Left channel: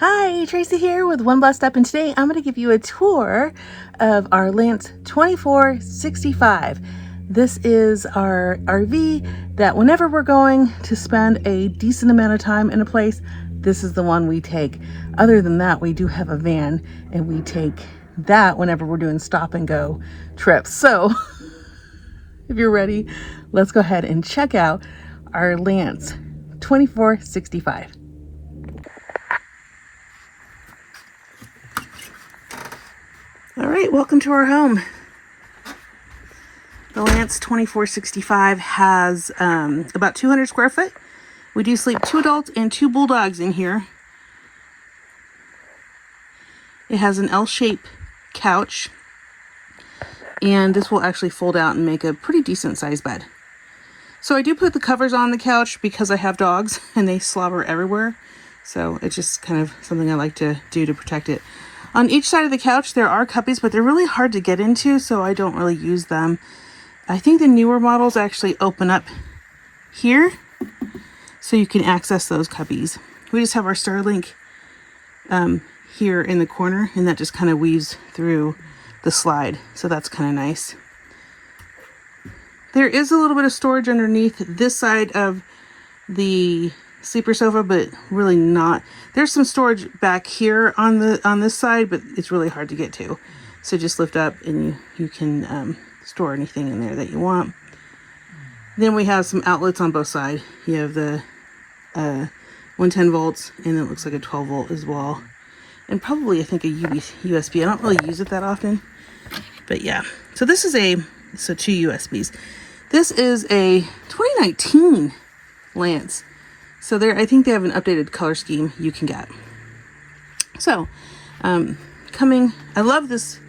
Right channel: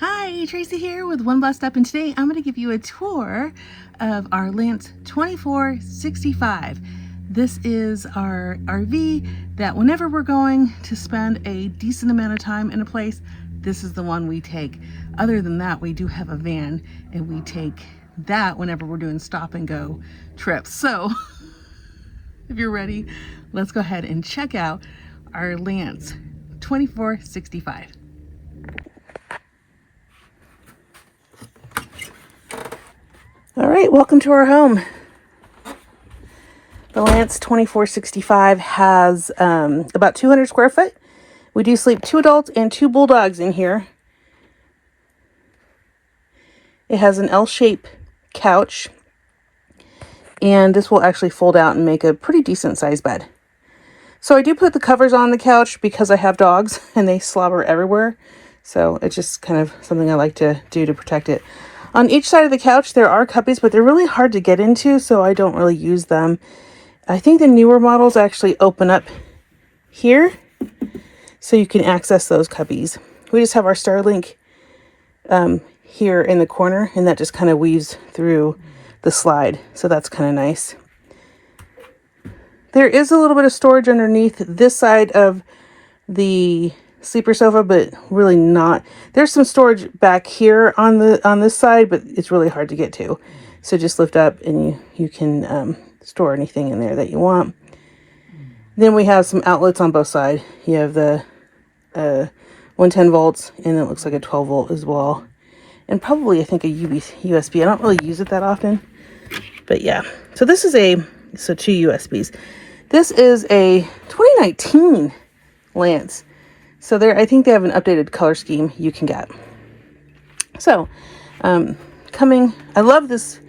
Hi, Tracy here with One Blessed Up, and today I'm going to give you a tour of our Lance 2465. This is our RV that whenever we're going to spend a decent amount of time in a place, this is the one we take. Other than that, we do have a van, and we take that whenever we're doing stop and go trips. So if you're ready, let's go ahead and check out our Lance 2465. All right, welcome to our home. The Lance 2465 has about 200 square foot. We do sleep 2 adults and 2 bulldogs in here. It has an L-shaped couch, and this will actually fold out and make a pretty decent sized bed. So I do put the covers on the couch because I have dogs and they slobber everywhere. So it's just kind of something I like to do to protect it. On each side of the couch, there are cubbies, but they're really hard to get into, so I don't really use them. I think the newer models actually open up here, so you can access those cubbies. We just have our Starlink here in the corner, and that just kind of weaves through the slide, so that's kind of nice. There is a little bit of storage underneath this side of the sleeper sofa, but really not. There's some storage back here on this side, but it's really hard to get to. So just lift up and you can store anything in there that you want. Then we have some outlets on both sides. You have the 110 volts, and it looks like a 12 volt as well. And probably, I think, a USB. I don't really use it that often, but yeah. So this is so 2 USBs. This is a 2019 Lance. So I think they have an updated color scheme you can get. So, I love this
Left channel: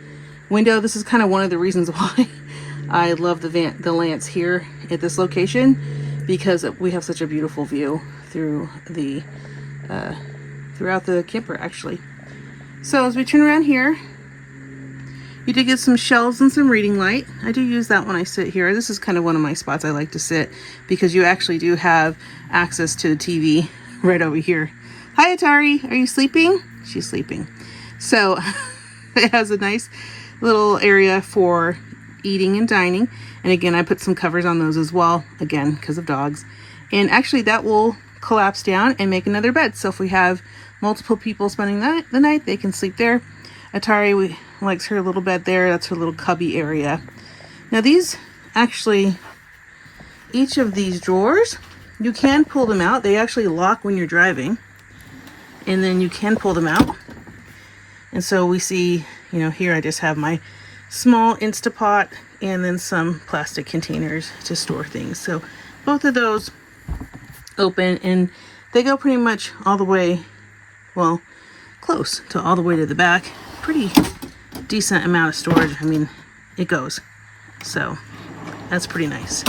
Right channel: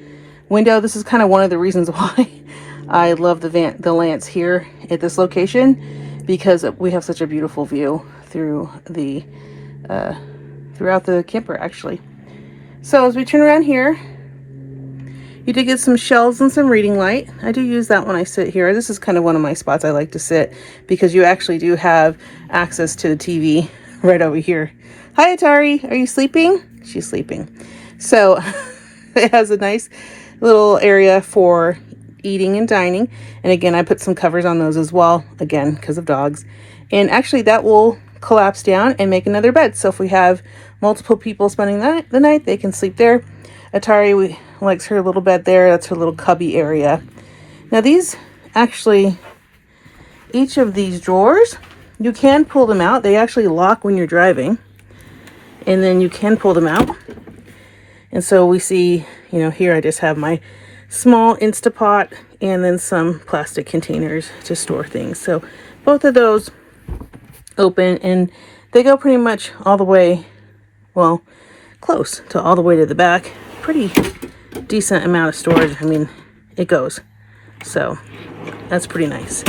window. This is kind of one of the reasons why I love the Lance here at this location, because we have such a beautiful view throughout the camper, actually. So as we turn around here, you did get some shelves and some reading light. I do use that when I sit here. This is kind of one of my spots I like to sit, because you actually do have access to the TV right over here. Hi, Atari. Are you sleeping? She's sleeping. So it has a nice little area for eating and dining. And again, I put some covers on those as well, again, because of dogs. And actually that will collapse down and make another bed. So if we have multiple people spending the night, they can sleep there. Atari likes her little bed there. That's her little cubby area. Now these actually, each of these drawers, you can pull them out. They actually lock when you're driving, and then you can pull them out. And so we see, here I just have my small Instapot and then some plastic containers to store things. So both of those open, and they go pretty much all the way, well, close to all the way to the back. Pretty decent amount of storage. I mean, it goes. So that's pretty nice.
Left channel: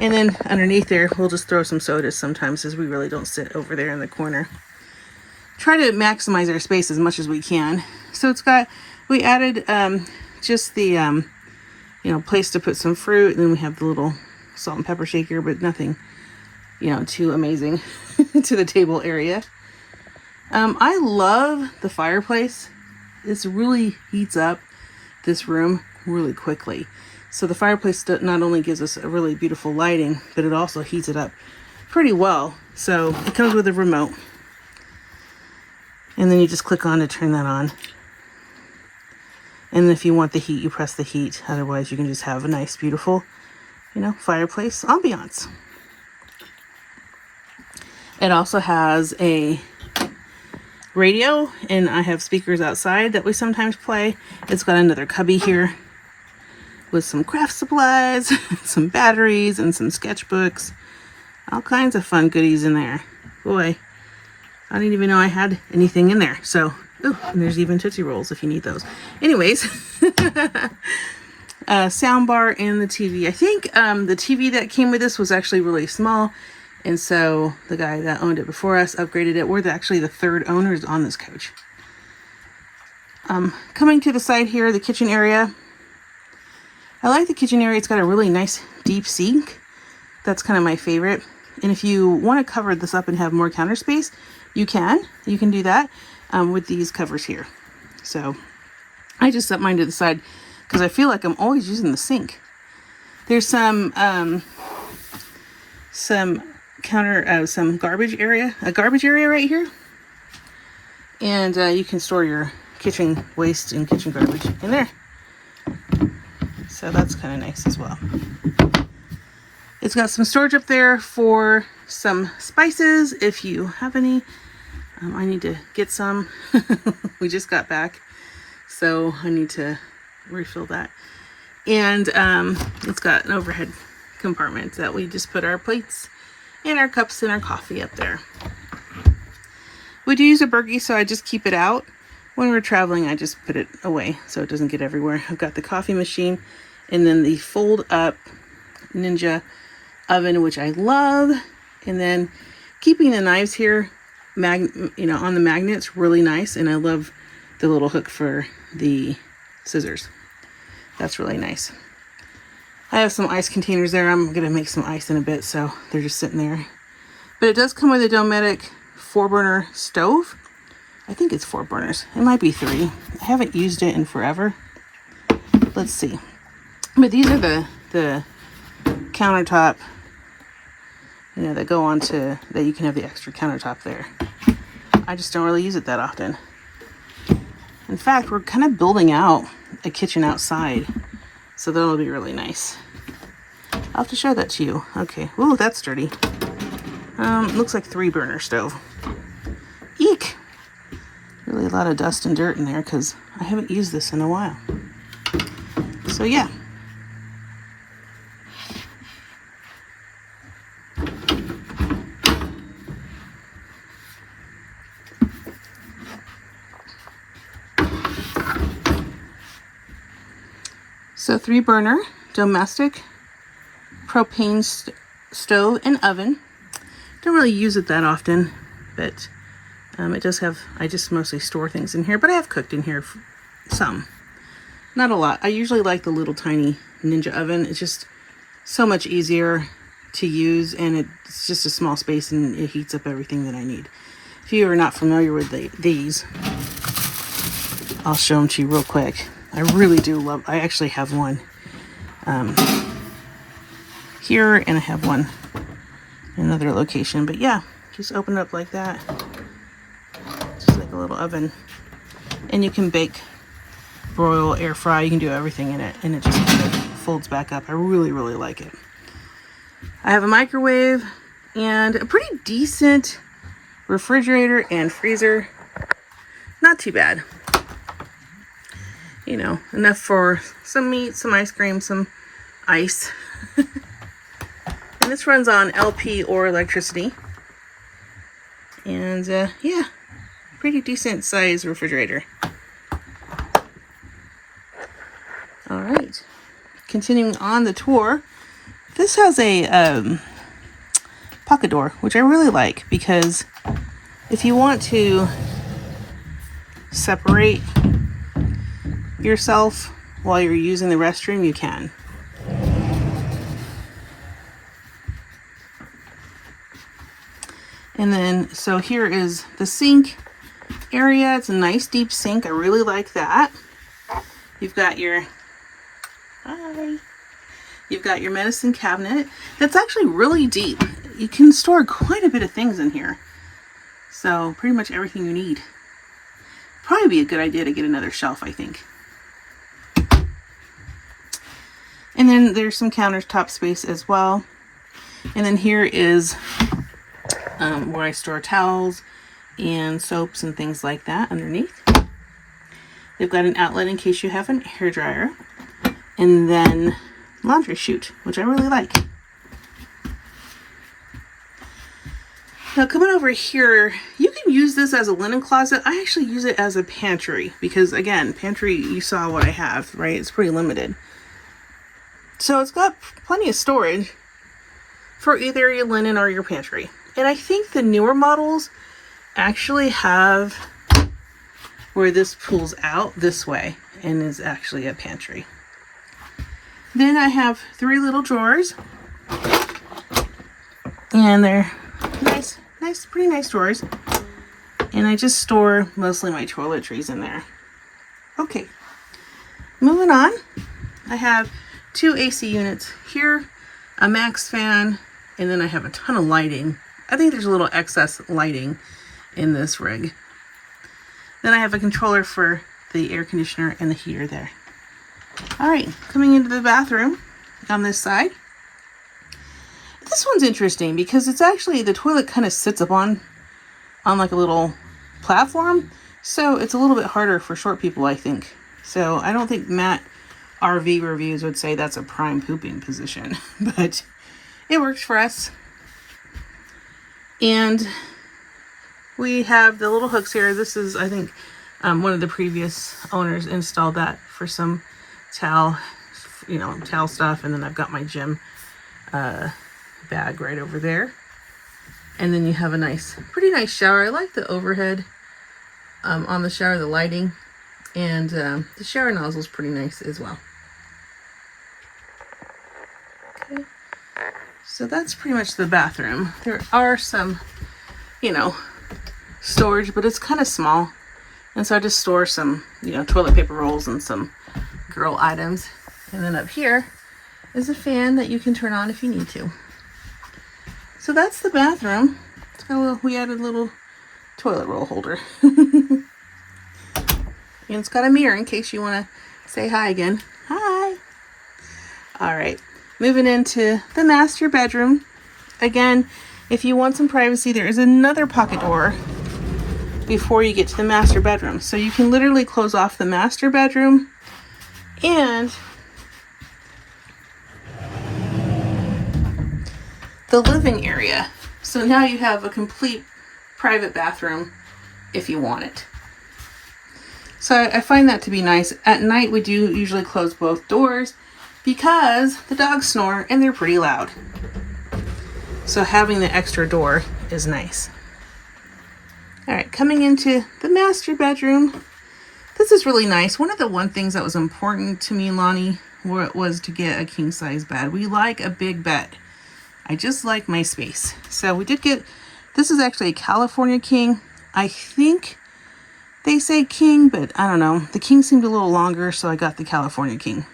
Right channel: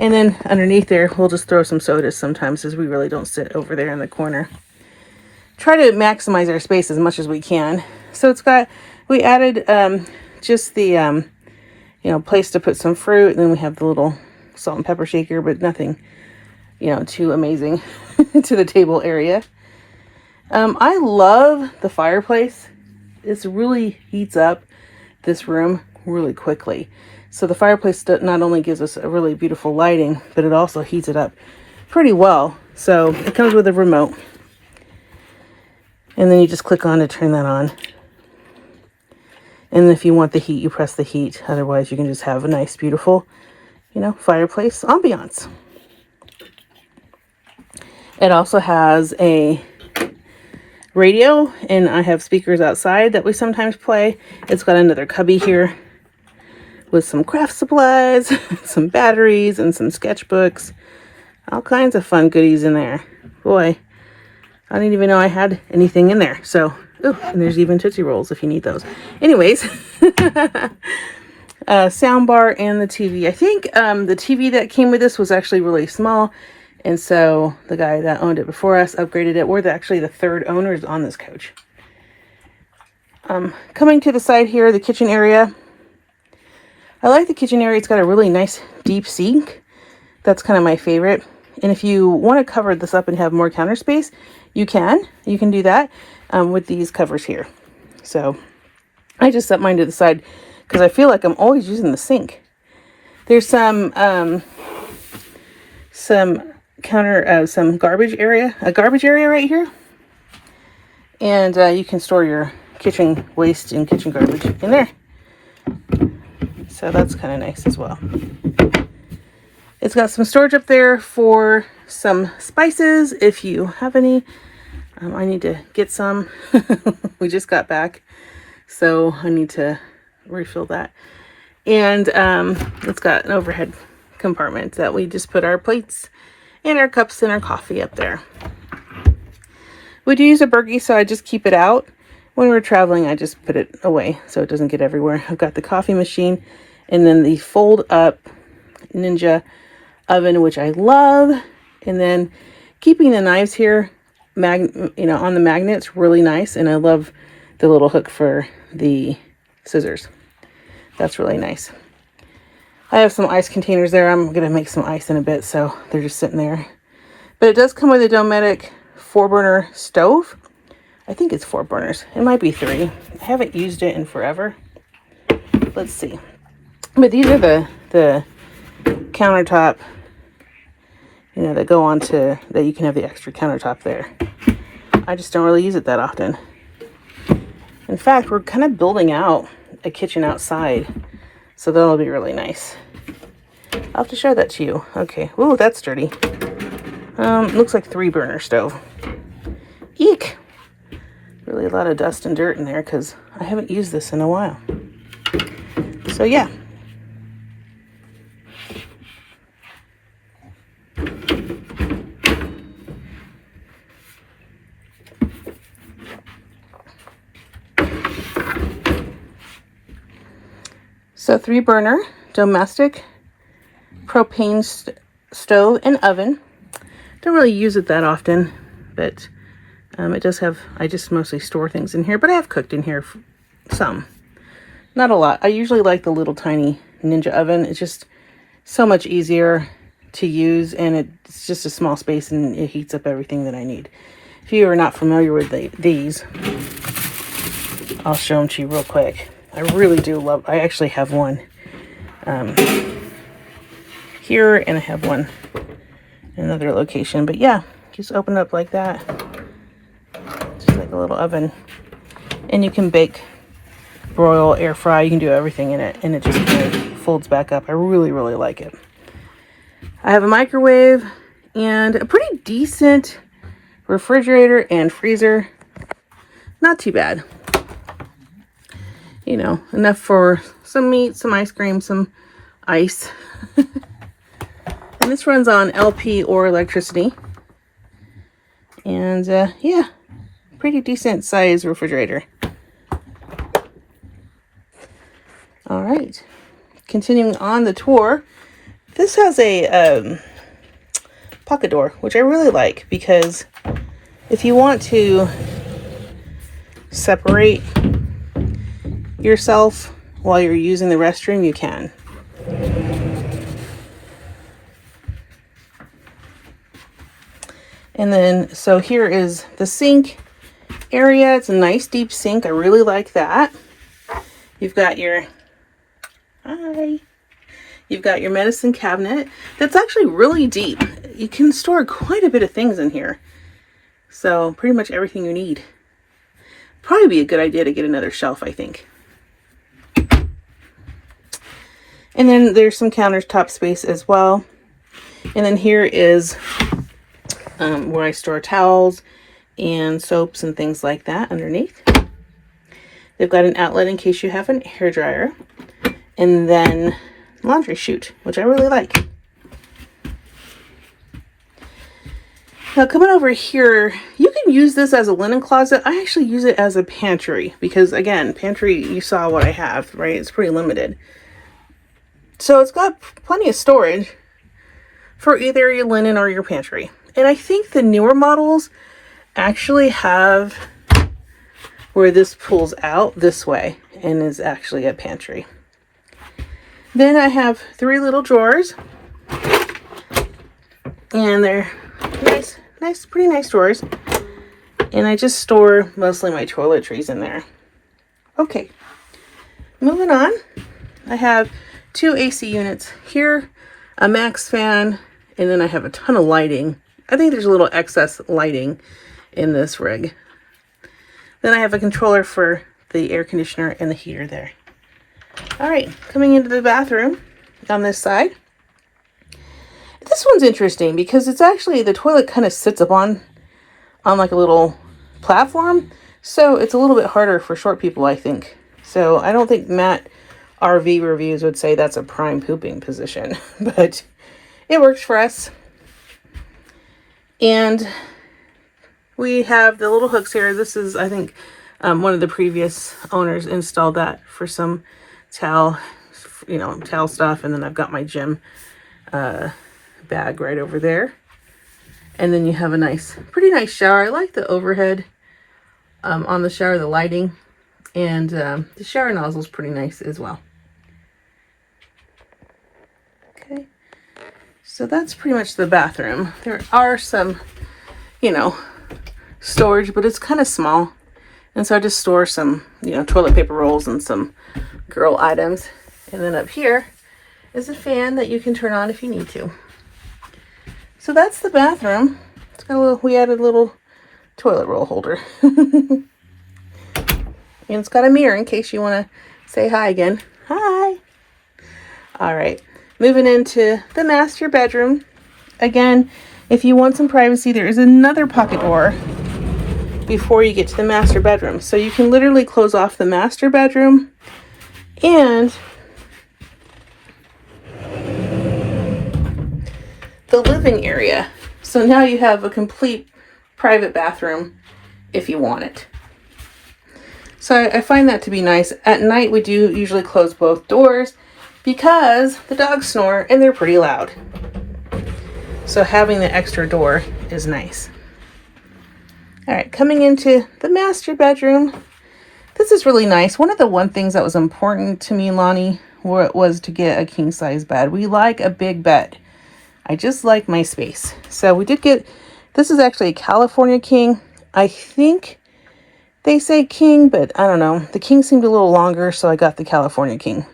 And then underneath there, we'll just throw some sodas sometimes, as we really don't sit over there in the corner. Try to maximize our space as much as we can. So we added just the, place to put some fruit. And then we have the little salt and pepper shaker, but nothing, too amazing to the table area. I love the fireplace. This really heats up this room really quickly. So the fireplace not only gives us a really beautiful lighting, but it also heats it up pretty well. So it comes with a remote. And then you just click on to turn that on. And if you want the heat, you press the heat. Otherwise, you can just have a nice, beautiful, fireplace ambiance. It also has a radio, and I have speakers outside that we sometimes play. It's got another cubby here with some craft supplies, some batteries, and some sketchbooks. All kinds of fun goodies in there. Boy, I didn't even know I had anything in there. So, and there's even Tootsie Rolls if you need those. Anyways, sound bar and the TV. I think the TV that came with this was actually really small. And so the guy that owned it before us upgraded it. We're actually the third owners on this coach. Coming to the side here, the kitchen area. I like the kitchen area. It's got a really nice deep sink. That's kind of my favorite. And if you want to cover this up and have more counter space, you can do that with these covers here. So I just set mine to the side because I feel like I'm always using the sink. There's some garbage area right here, and you can store your kitchen waste and kitchen garbage in there. So that's kind of nice as well. It's got some storage up there for some spices if you have any. I need to get some. We just got back, so I need to refill that. And it's got an overhead compartment that we just put our plates and our cups and our coffee up there. We do use a Berkey, so I just keep it out. When we're traveling, I just put it away so it doesn't get everywhere. I've got the coffee machine and then the fold up Ninja oven, which I love. And then keeping the knives here, on the magnets, really nice. And I love the little hook for the scissors. That's really nice. I have some ice containers there. I'm going to make some ice in a bit, so they're just sitting there. But it does come with a Dometic 4-burner stove. I think it's 4 burners. It might be 3. I haven't used it in forever. Let's see. But these are the countertop, that go on to, that you can have the extra countertop there. I just don't really use it that often. In fact, we're kind of building out a kitchen outside, so that'll be really nice. I'll have to show that to you. Okay. Ooh, that's dirty. Looks like 3-burner stove. Eek! Really a lot of dust and dirt in there because I haven't used this in a while. So yeah. So 3-burner domestic propane stove and oven. Don't really use it that often, but it does have, I just mostly store things in here, but I have cooked in here some. Not a lot. I usually like the little tiny Ninja oven. It's just so much easier to use, and it's just a small space and it heats up everything that I need. If you are not familiar with these, I'll show them to you real quick. I really do love, I actually have one here, and I have one in another location. But yeah, just open it up like that. Just like a little oven. And you can bake, broil, air fry. You can do everything in it. And it just kind of folds back up. I really, really like it. I have a microwave and a pretty decent refrigerator and freezer. Not too bad. Enough for some meat, some ice cream, some ice. And this runs on LP or electricity. And yeah, pretty decent size refrigerator. All right, continuing on the tour. This has a pocket door, which I really like, because if you want to separate yourself while you're using the restroom, you can. And then, so here is the sink area. It's a nice deep sink. I really like that. You've got your, you've got your medicine cabinet. That's actually really deep. You can store quite a bit of things in here. So pretty much everything you need. Probably be a good idea to get another shelf, I think. And then there's some countertop space as well. And then here is where I store towels and soaps and things like that underneath. They've got an outlet in case you have an hairdryer. And then laundry chute, which I really like. Now coming over here, you can use this as a linen closet. I actually use it as a pantry because, again, pantry, you saw what I have, right? It's pretty limited. So it's got plenty of storage for either your linen or your pantry. And I think the newer models actually have where this pulls out this way and is actually a pantry. Then I have 3 little drawers. And they're pretty nice drawers. And I just store mostly my toiletries in there. Okay, moving on. I have 2 AC units here, a max fan, and then I have a ton of lighting. I think there's a little excess lighting in this rig. Then I have a controller for the air conditioner and the heater there. All right, coming into the bathroom on this side. This one's interesting because it's actually, the toilet kind of sits up on like a little platform. So it's a little bit harder for short people, I think. So I don't think Matt RV Reviews would say that's a prime pooping position, but it works for us. And we have the little hooks here. This is, I think, one of the previous owners installed that for some towel stuff. And then I've got my gym bag right over there. And then you have a pretty nice shower. I like the overhead on the shower, the lighting, and the shower nozzle is pretty nice as well. Okay, so that's pretty much the bathroom. There are some, storage, but it's kind of small. And so I just store some, toilet paper rolls and some girl items. And then up here is a fan that you can turn on if you need to. So that's the bathroom. It's got we added a little toilet roll holder. And it's got a mirror in case you want to say hi again. Hi. All right. Moving into the master bedroom. Again, if you want some privacy, there is another pocket door before you get to the master bedroom. So you can literally close off the master bedroom and the living area. So now you have a complete private bathroom if you want it. So I find that to be nice. At night, we do usually close both doors because the dogs snore and they're pretty loud. So having the extra door is nice. All right, coming into the master bedroom. This is really nice. One of the things that was important to me and Lonnie was to get a king size bed. We like a big bed. I just like my space. So we did get, this is actually a California king. I think they say king, but I don't know. The king seemed a little longer, so I got the California king.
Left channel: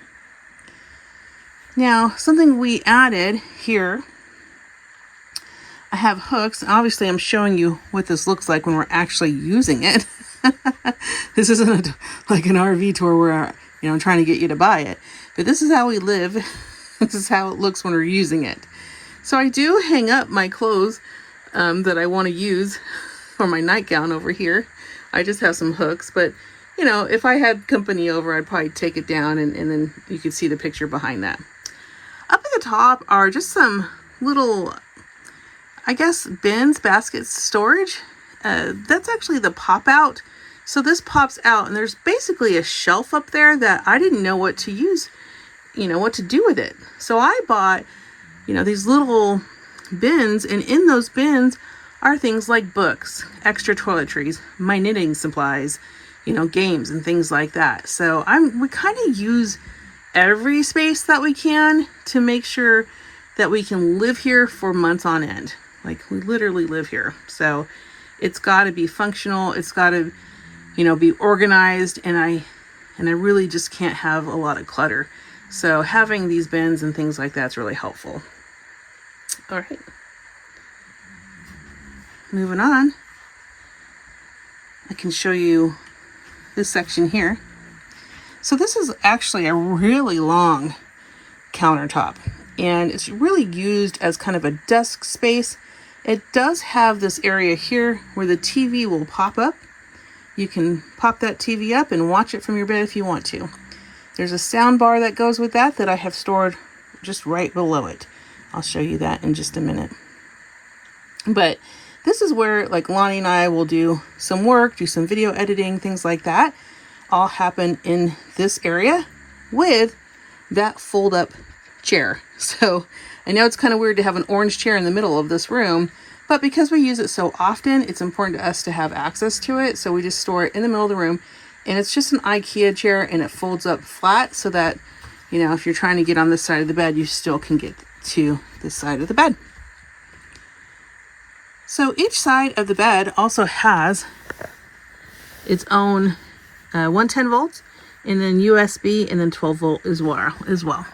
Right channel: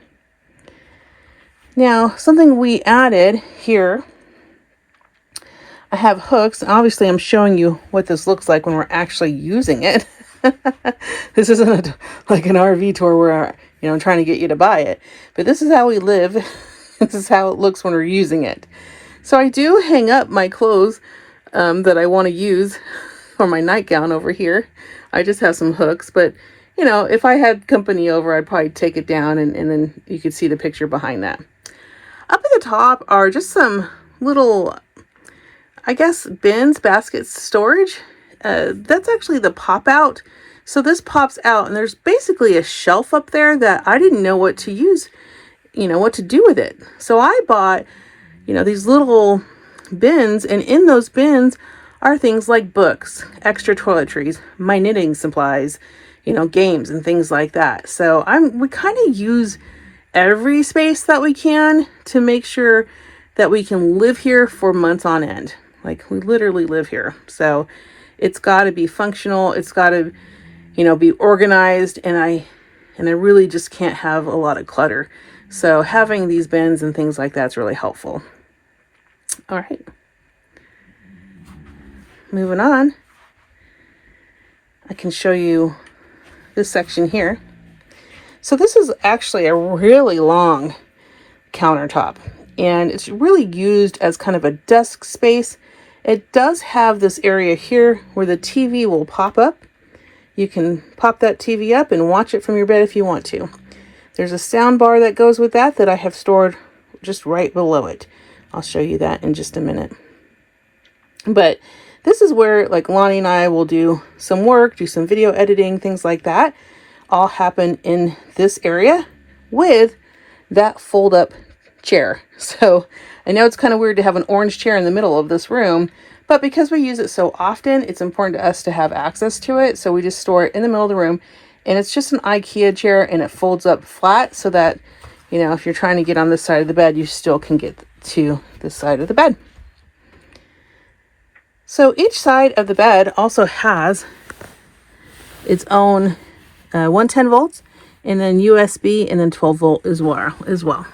Now, something we added here, I have hooks. Obviously, I'm showing you what this looks like when we're actually using it. This isn't like an RV tour where, I'm trying to get you to buy it. But this is how we live. This is how it looks when we're using it. So I do hang up my clothes that I want to use for my nightgown over here. I just have some hooks, but if I had company over, I'd probably take it down and then you could see the picture behind that. Up at the top are just some little, I guess, bins, baskets, storage. That's actually the pop out. So this pops out and there's basically a shelf up there that I didn't know what to use, what to do with it. So I bought these little bins, and in those bins are things like books, extra toiletries, my knitting supplies, games and things like that. So we kind of use every space that we can to make sure that we can live here for months on end. Like we literally live here. So it's got to be functional. It's got to, be organized. And I really just can't have a lot of clutter. So having these bins and things like that's really helpful. All right. Moving on. I can show you this section here. So this is actually a really long countertop, and it's really used as kind of a desk space. It does have this area here where the TV will pop up. You can pop that TV up and watch it from your bed if you want to. There's a sound bar that goes with that I have stored just right below it. I'll show you that in just a minute. But this is where like Lonnie and I will do some work, do some video editing, things like that. All happen in this area with that fold up chair. So I know it's kind of weird to have an orange chair in the middle of this room, but because we use it so often, it's important to us to have access to it. So we just store it in the middle of the room, and it's just an IKEA chair, and it folds up flat so that, if you're trying to get on this side of the bed, you still can get to this side of the bed. So each side of the bed also has its own 110 volts and then USB and then 12 volt as well.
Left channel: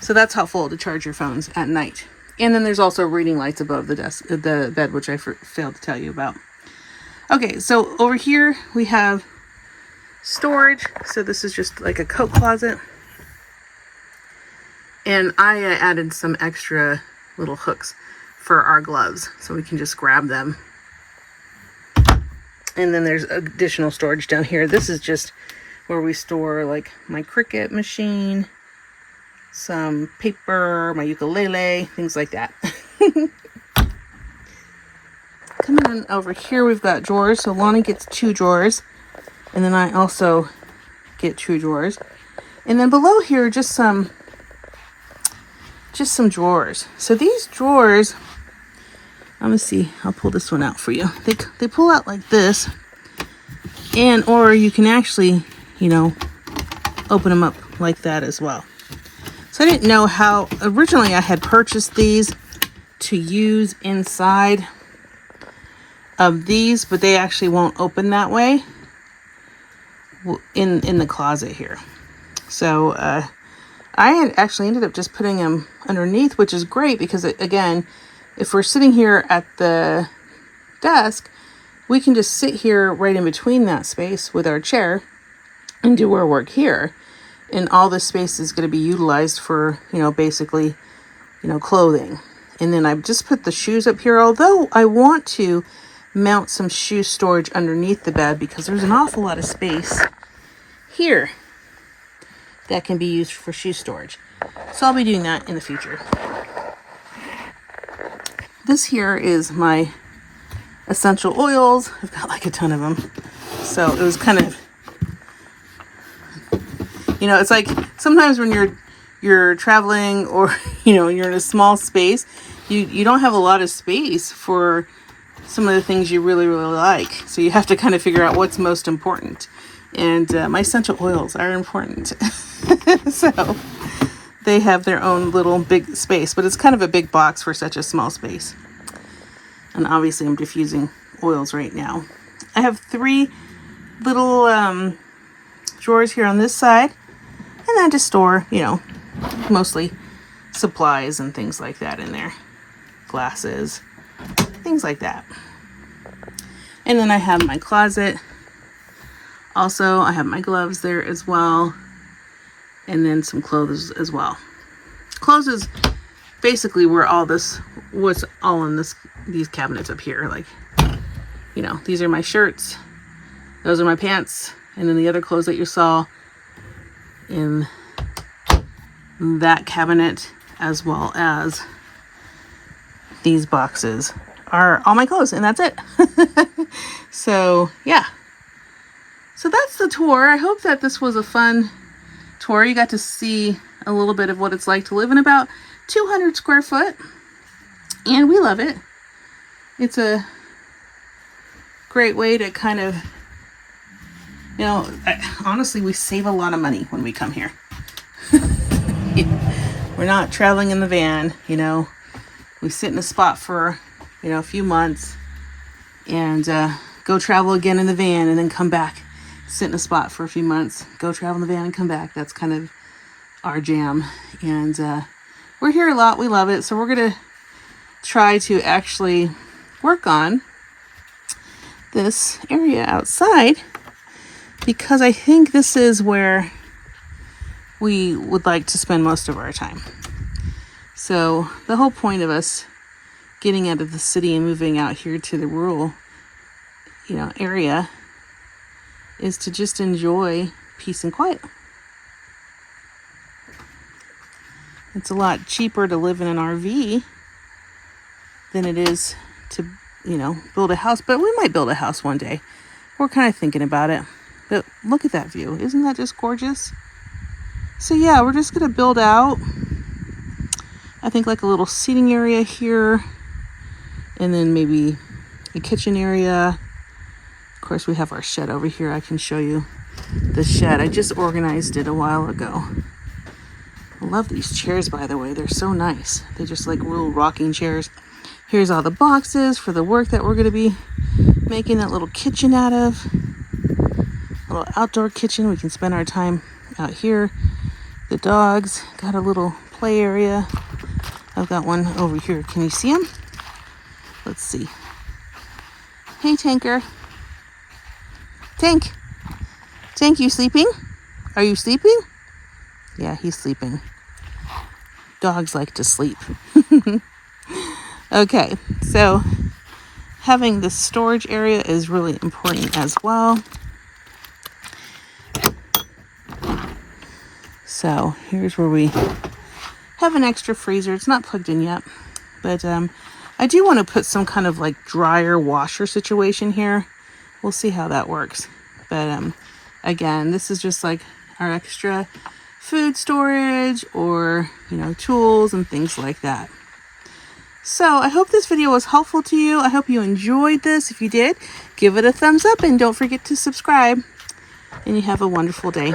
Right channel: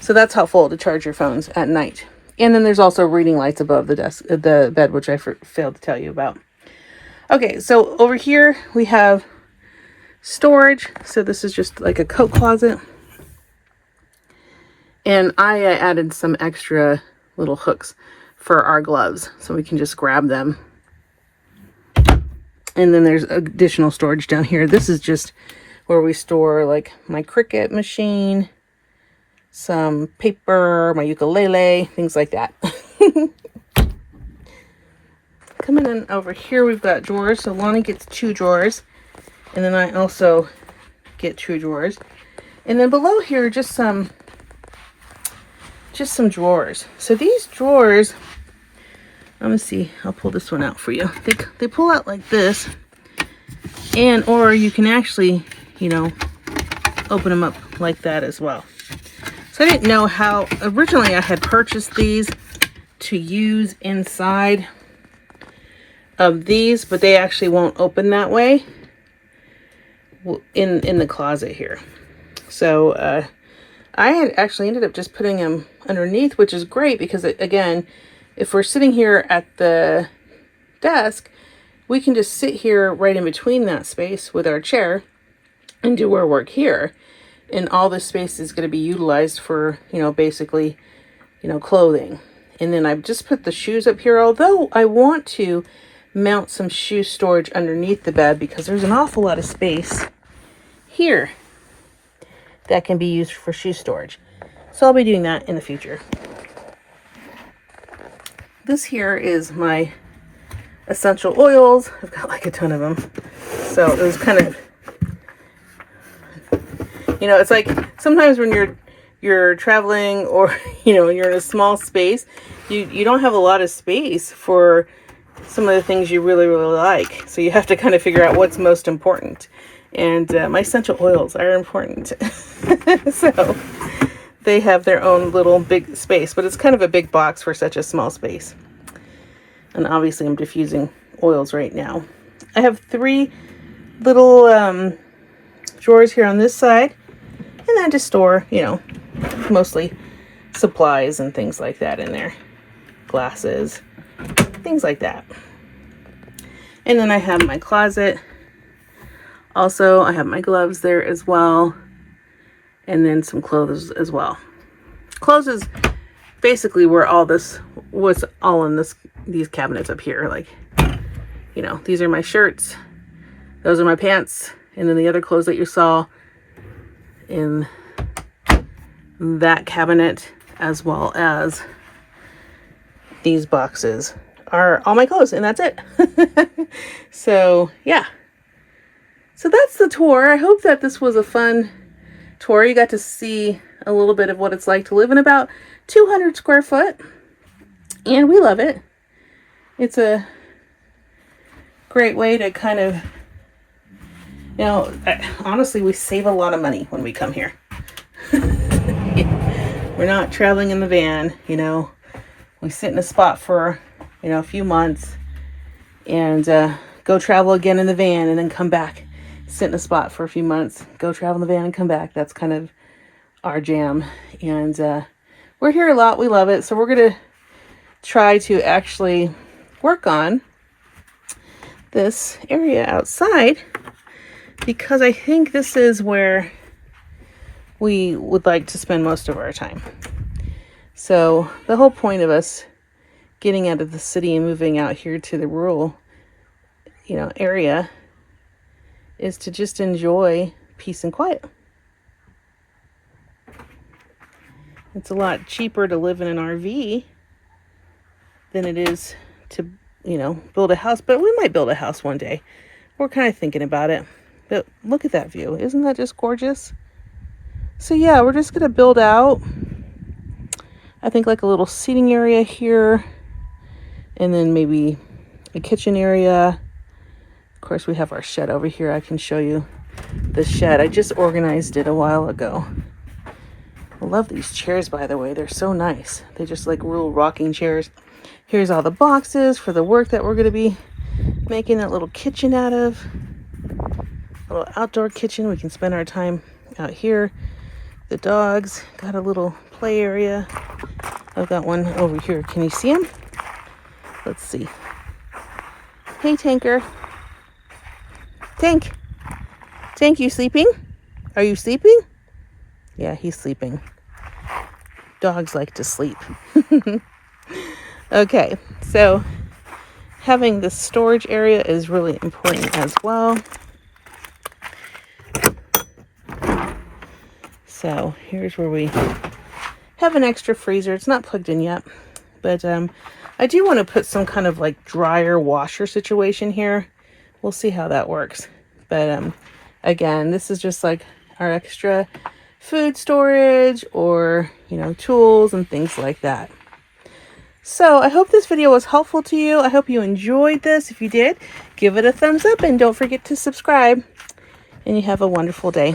So that's helpful to charge your phones at night. And then there's also reading lights above the bed, which I failed to tell you about. Okay, so over here we have storage. So this is just like a coat closet. And I added some extra little hooks for our gloves so we can just grab them. And then there's additional storage down here. This is just where we store like my Cricut machine, some paper, my ukulele, things like that. Coming in over here, we've got drawers. So Lonnie gets 2 drawers. And then I also get 2 drawers. And then below here, just some drawers. So these drawers, let me see, I'll pull this one out for you. They pull out like this, and or you can actually, open them up like that as well. So I didn't know how, originally I had purchased these to use inside of these, but they actually won't open that way in the closet here. So I had actually ended up just putting them underneath, which is great because, again, if we're sitting here at the desk, we can just sit here right in between that space with our chair and do our work here. And all this space is going to be utilized for, basically, clothing. And then I've just put the shoes up here, although I want to mount some shoe storage underneath the bed because there's an awful lot of space here that can be used for shoe storage. So I'll be doing that in the future. This here is my essential oils. I've got like a ton of them. So it was kind of, it's like sometimes when you're traveling or, you're in a small space, you don't have a lot of space for some of the things you really, really like. So you have to kind of figure out what's most important. And my essential oils are important. So they have their own little big space, but it's kind of a big box for such a small space. And obviously I'm diffusing oils right now. I have 3 little drawers here on this side, and I just store, mostly supplies and things like that in there. Glasses, things like that. And then I have my closet. Also, I have my gloves there as well. And then some clothes as well. Clothes is basically where what's all in these cabinets up here. Like, these are my shirts. Those are my pants. And then the other clothes that you saw in that cabinet, as well as these boxes, are all my clothes. And that's it. So, yeah. So that's the tour. I hope that this was a fun tour. You got to see a little bit of what it's like to live in about 200 square foot. And we love it. It's a great way to kind of, honestly, we save a lot of money when we come here. We're not traveling in the van, We sit in a spot for, a few months and go travel again in the van and then come back. Sit in a spot for a few months, go travel in the van and come back. That's kind of our jam. And we're here a lot. We love it. So we're going to try to actually work on this area outside because I think this is where we would like to spend most of our time. So the whole point of us getting out of the city and moving out here to the rural, area is to just enjoy peace and quiet. It's a lot cheaper to live in an RV than it is to, build a house. But we might build a house one day. We're kind of thinking about it. But look at that view. Isn't that just gorgeous? So yeah, we're just going to build out, I think, like a little seating area here. And then maybe a kitchen area. Of course, we have our shed over here. I can show you the shed. I just organized it a while ago. I love these chairs, by the way. They're so nice. They're just like real rocking chairs. Here's all the boxes for the work that we're going to be making that little kitchen out of. A little outdoor kitchen. We can spend our time out here. The dogs got a little play area. I've got one over here. Can you see him? Let's see. Hey, Tanker. Tank. Tank, you sleeping? Are you sleeping? Yeah, he's sleeping. Dogs like to sleep. Okay, so having the storage area is really important as well. So here's where we have an extra freezer. It's not plugged in yet, but I do want to put some kind of like dryer washer situation here. We'll see how that works. But again, this is just like our extra food storage or, you know, tools and things like that. So I hope this video was helpful to you. I hope you enjoyed this. If you did, give it a thumbs up and don't forget to subscribe. And you have a wonderful day.